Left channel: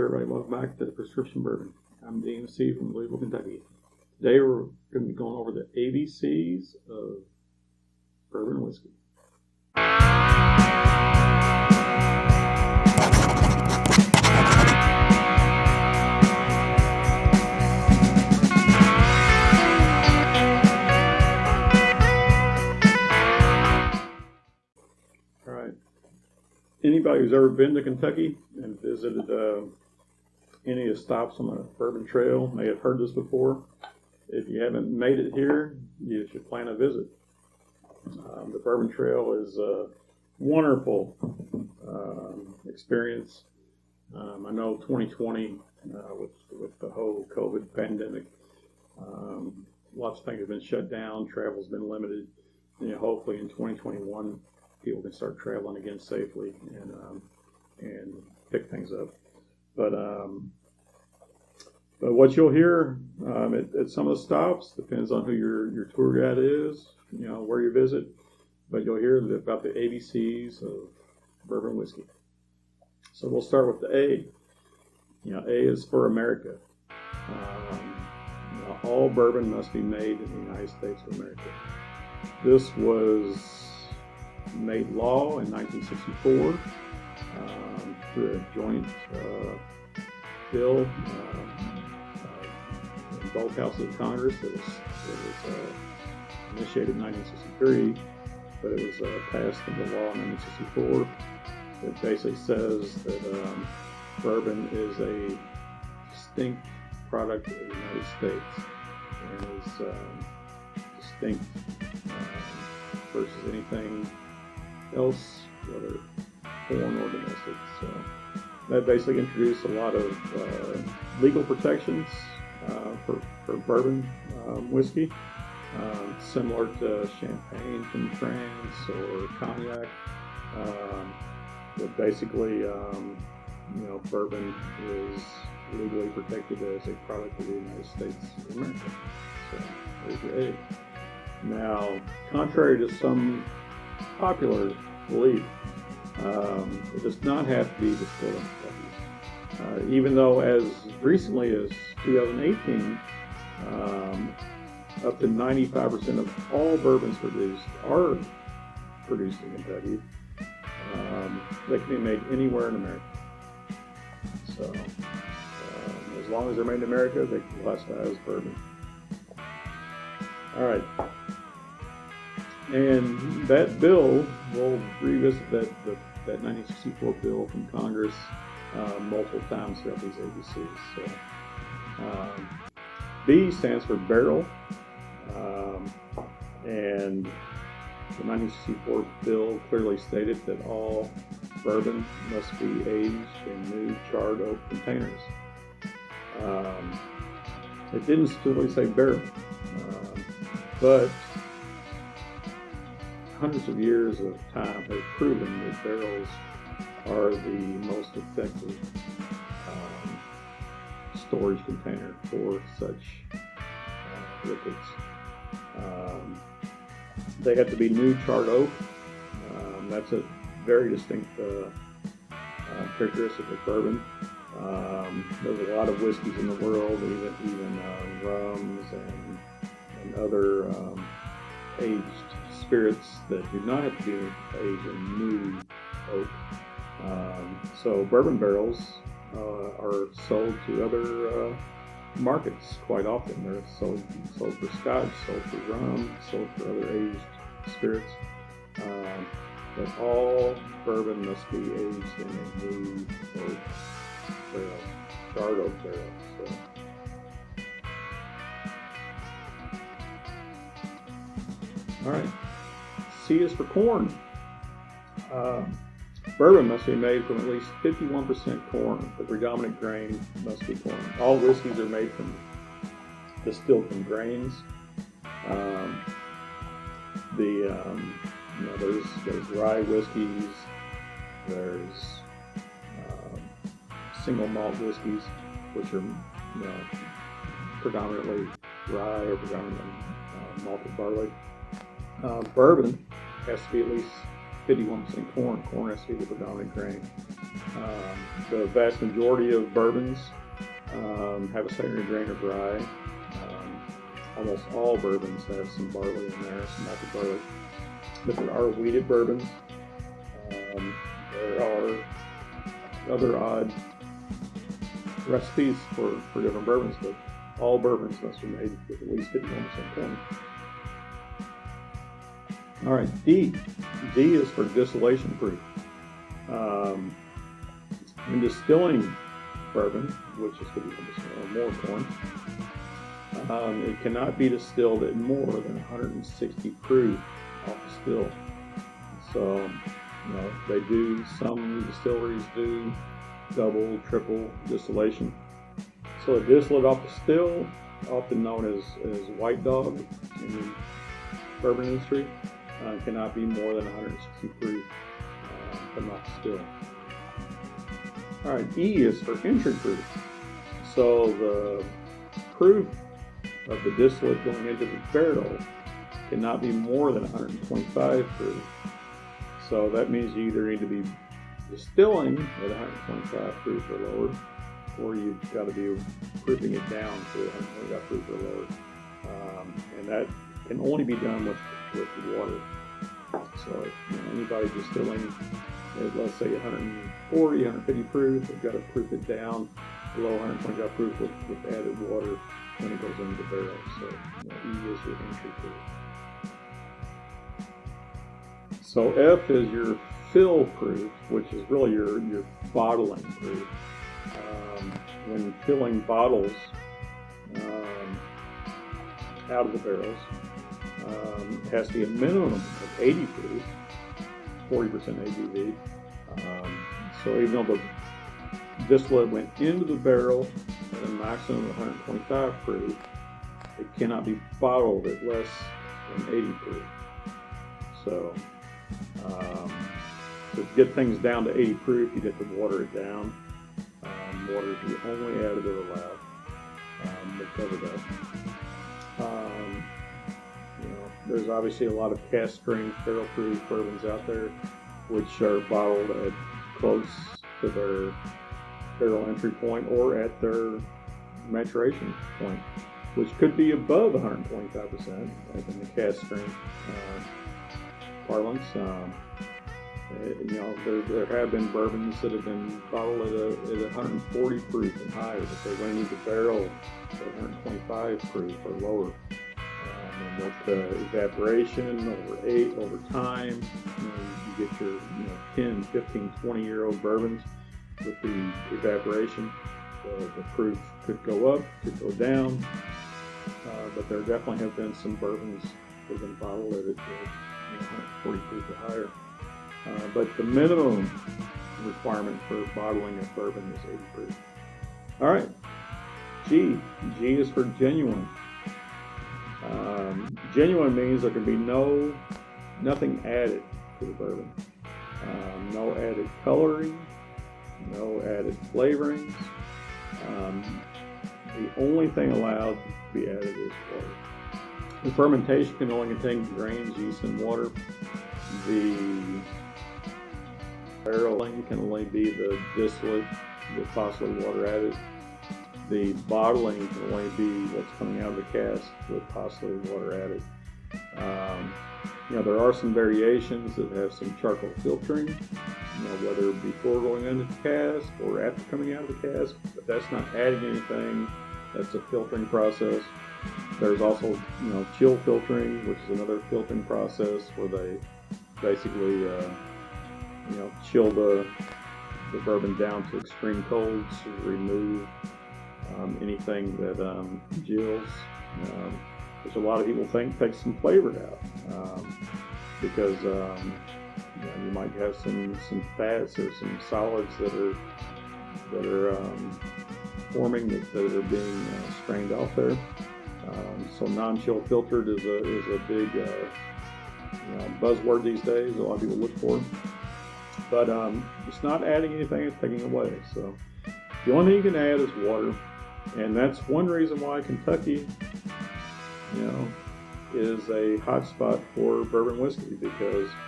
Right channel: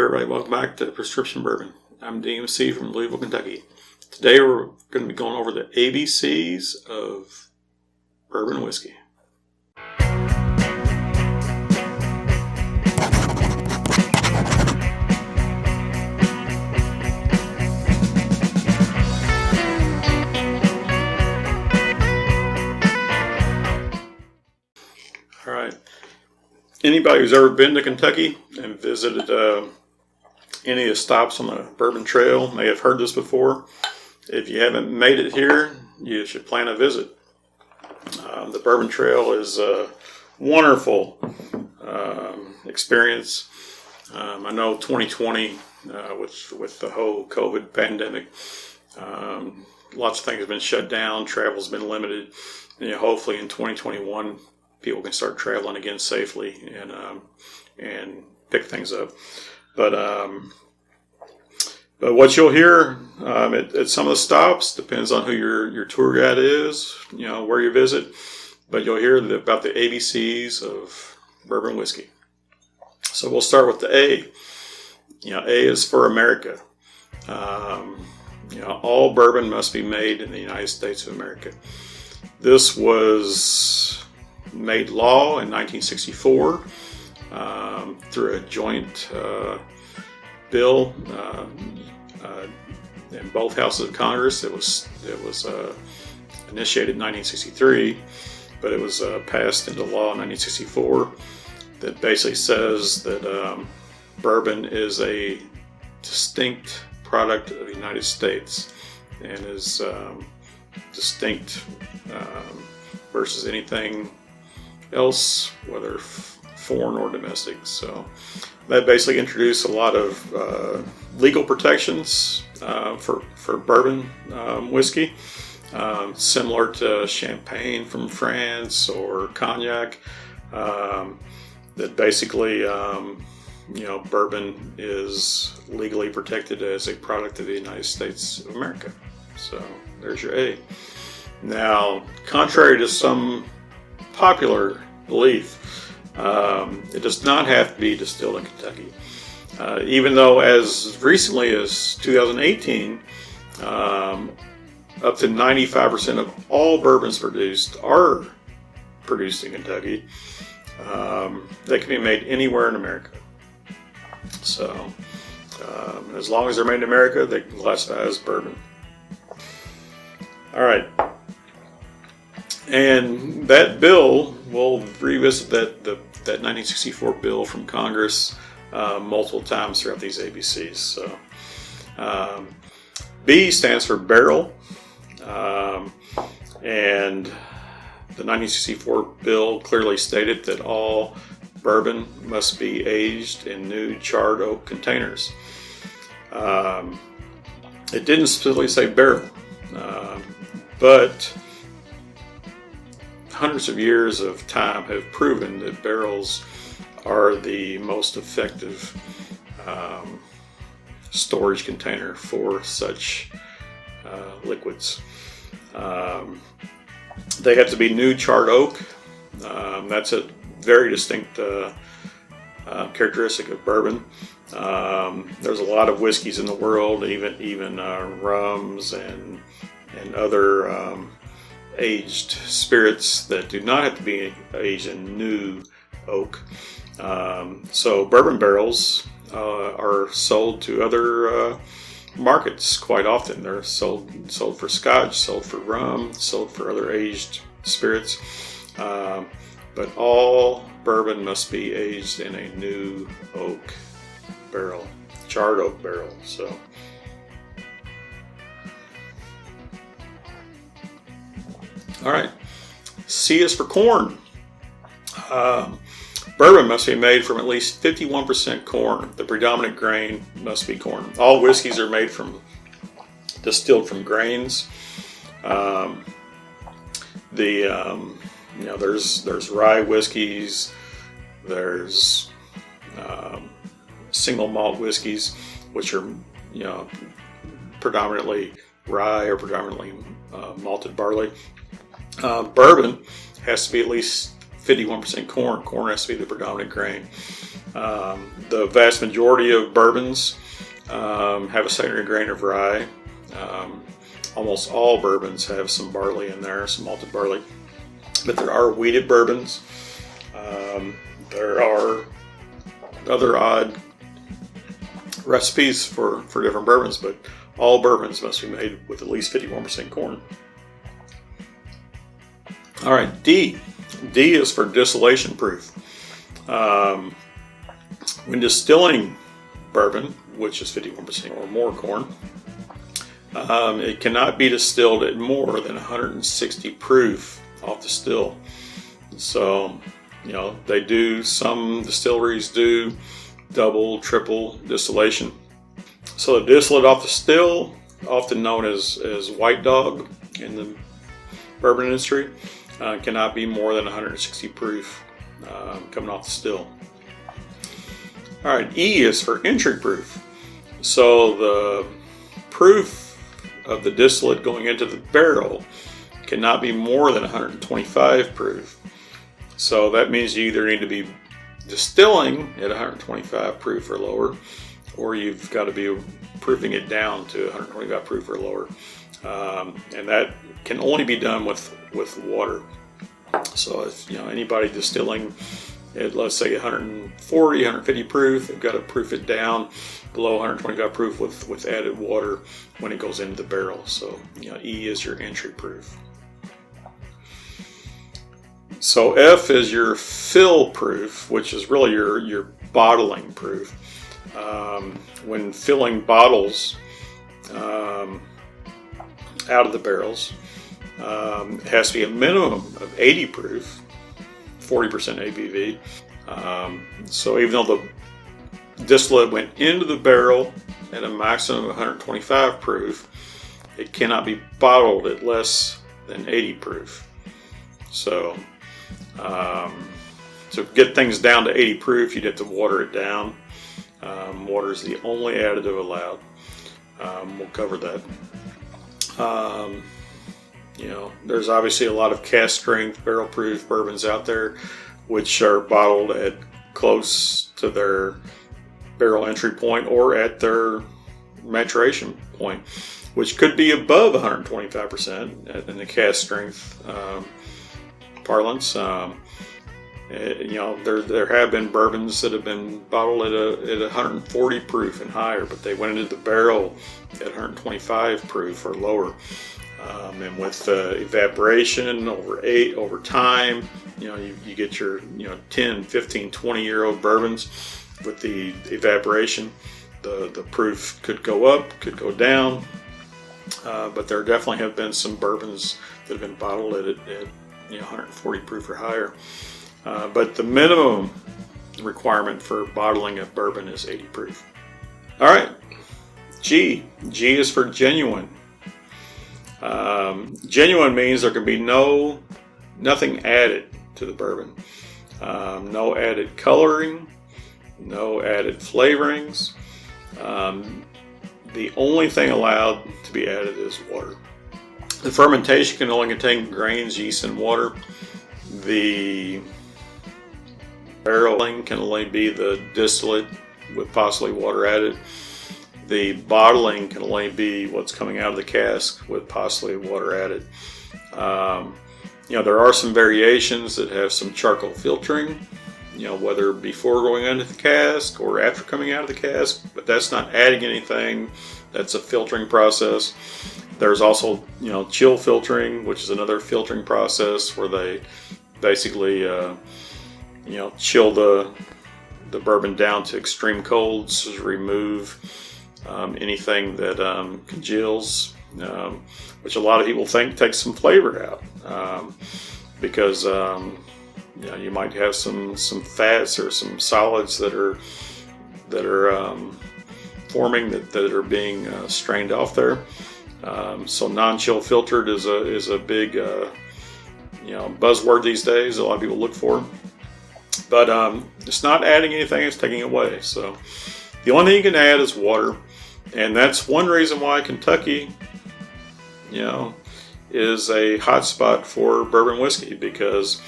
Hey everybody, welcome back to Prescription Bourbon. I'm DMC from Louisville, Kentucky. Today we're going to be going over the ABCs of bourbon whiskey. Alright, anybody who's ever been to Kentucky and visited any of the stops on the Bourbon Trail may have heard this before. If you haven't made it here, you should plan a visit. The Bourbon Trail is a wonderful experience. I know 2020, with the whole COVID pandemic, lots of things have been shut down, travel's been limited. And, hopefully in 2021, people can start traveling again safely and pick things up. But what you'll hear at some of the stops depends on who your tour guide is, where you visit. But you'll hear about the ABCs of bourbon whiskey. So we'll start with the A. A is for America. All bourbon must be made in the United States of America. This was made law in 1964 through a joint bill in both houses of Congress. It was initiated in 1963, but it was passed into law in 1964. That basically says that bourbon is a distinct product of the United States and is distinct versus anything else, whether foreign or domestic. So that basically introduced a lot of legal protections for bourbon whiskey, similar to champagne from France or cognac. That basically, bourbon is legally protected as a product of the United States of America. So there's your A. Now, contrary to some popular belief, it does not have to be distilled in Kentucky. Even though as recently as 2018, up to 95% of all bourbons produced are produced in Kentucky. They can be made anywhere in America. So as long as they're made in America, they can classify as bourbon. All right. And that bill, we'll revisit that 1964 bill from Congress multiple times throughout these ABCs. So, B stands for barrel, and the 1964 bill clearly stated that all bourbon must be aged in new charred oak containers. It didn't specifically say barrel, but hundreds of years of time have proven that barrels are the most effective storage container for such liquids. They have to be new charred oak. That's a very distinct characteristic of bourbon. There's a lot of whiskeys in the world, even rums and other aged spirits that do not have to be aged in new oak. So bourbon barrels are sold to other markets quite often. They're sold for scotch, sold for rum, sold for other aged spirits. But all bourbon must be aged in a new oak barrel, charred oak barrel. So. All right, C is for corn. Bourbon must be made from at least 51% corn. The predominant grain must be corn. All whiskeys are distilled from grains. There's rye whiskeys. There's single malt whiskeys, which are predominantly rye or predominantly malted barley. Bourbon has to be at least 51% corn. Corn has to be the predominant grain. The vast majority of bourbons have a secondary grain of rye. Almost all bourbons have some barley in there, some malted barley. But there are wheated bourbons. There are other odd recipes for different bourbons, but all bourbons must be made with at least 51% corn. All right, D. D is for distillation proof. When distilling bourbon, which is 51% or more corn, it cannot be distilled at more than 160 proof off the still. So, they do, some distilleries do double, triple distillation. So the distillate off the still, often known as white dog in the bourbon industry, cannot be more than 160 proof coming off the still. All right, E is for entry proof. So the proof of the distillate going into the barrel cannot be more than 125 proof. So that means you either need to be distilling at 125 proof or lower, or you've got to be proofing it down to 125 proof or lower. And that can only be done with water. So if anybody distilling at, let's say, 140, 150 proof, they've got to proof it down below 125 proof with added water when it goes into the barrel. So E is your entry proof. So F is your fill proof, which is really your bottling proof. When filling bottles out of the barrels, it has to be a minimum of 80 proof, 40% ABV. So even though the distillate went into the barrel at a maximum of 125 proof, it cannot be bottled at less than 80 proof. So to get things down to 80 proof, you'd have to water it down. Water is the only additive allowed. We'll cover that. There's obviously a lot of cask strength, barrel proof bourbons out there, which are bottled at close to their barrel entry point or at their maturation point, which could be above 125% in the cask strength parlance. There have been bourbons that have been bottled at 140 proof and higher, but they went into the barrel at 125 proof or lower. And with evaporation over time, you get your 10, 15, 20-year-old bourbons. With the evaporation, the proof could go up, could go down, but there definitely have been some bourbons that have been bottled at 140 proof or higher. But the minimum requirement for bottling a bourbon is 80 proof. All right, G. G is for genuine. Genuine means there can be nothing added to the bourbon. No added coloring, no added flavorings. The only thing allowed to be added is water. The fermentation can only contain grains, yeast, and water. The barreling can only be the distillate with possibly water added. The bottling can only be what's coming out of the cask with possibly water added. There are some variations that have some charcoal filtering, whether before going into the cask or after coming out of the cask, but that's not adding anything. That's a filtering process. There's also, chill filtering, which is another filtering process where they basically, chill the bourbon down to extreme colds to remove anything that congeals, which a lot of people think takes some flavor out, because you might have some fats or some solids that are forming that are being strained off there. So non-chill filtered is a big buzzword these days. A lot of people look for, but it's not adding anything; it's taking away. So the only thing you can add is water, and that's one reason why Kentucky, is a hot spot for bourbon whiskey, because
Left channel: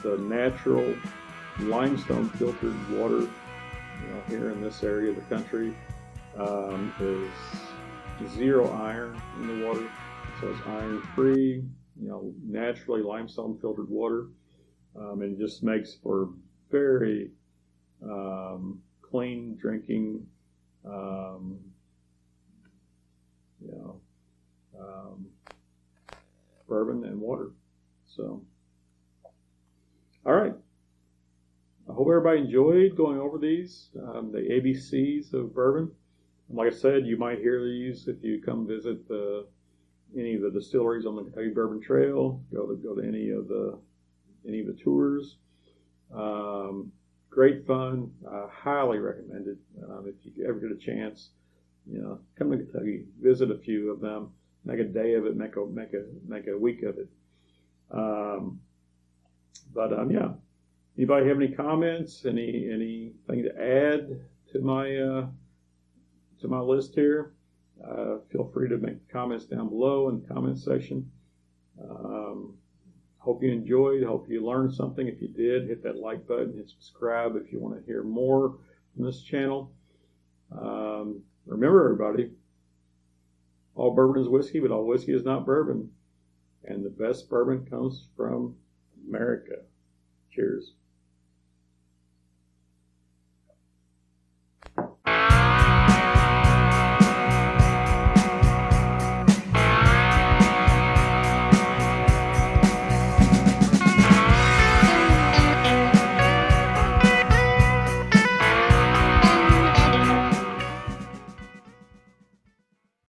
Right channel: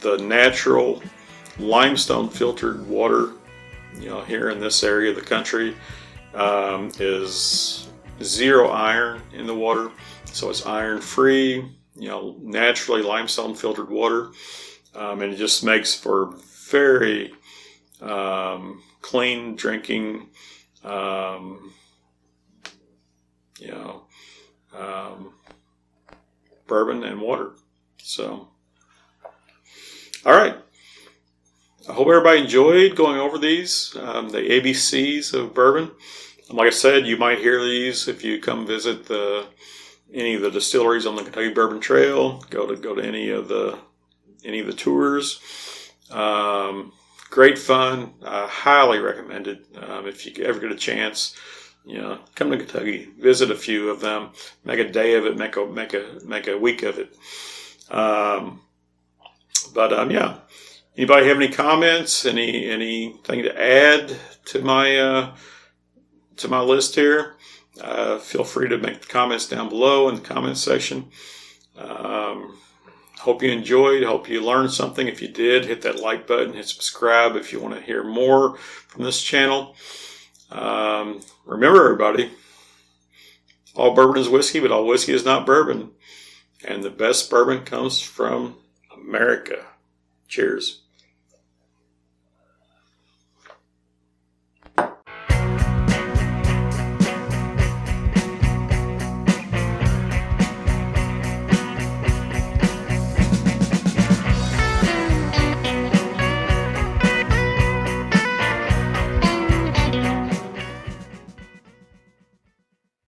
the natural limestone filtered water, here in this area of the country, is 0 iron in the water. So it's iron free, naturally limestone filtered water. And it just makes for very clean drinking, bourbon and water. So, all right. I hope everybody enjoyed going over these, the ABCs of bourbon. And like I said, you might hear these if you come visit any of the distilleries on the Kentucky Bourbon Trail. Go to any of the tours. Great fun. I highly recommend it. If you ever get a chance, come to Kentucky, visit a few of them, make a day of it, make a week of it. Yeah. Anybody have any comments? Anything to add to my list here? Feel free to make the comments down below in the comments section. Hope you enjoyed. Hope you learned something. If you did, hit that like button, hit subscribe if you want to hear more from this channel. Remember, everybody, all bourbon is whiskey, but all whiskey is not bourbon. And the best bourbon comes from America. Cheers.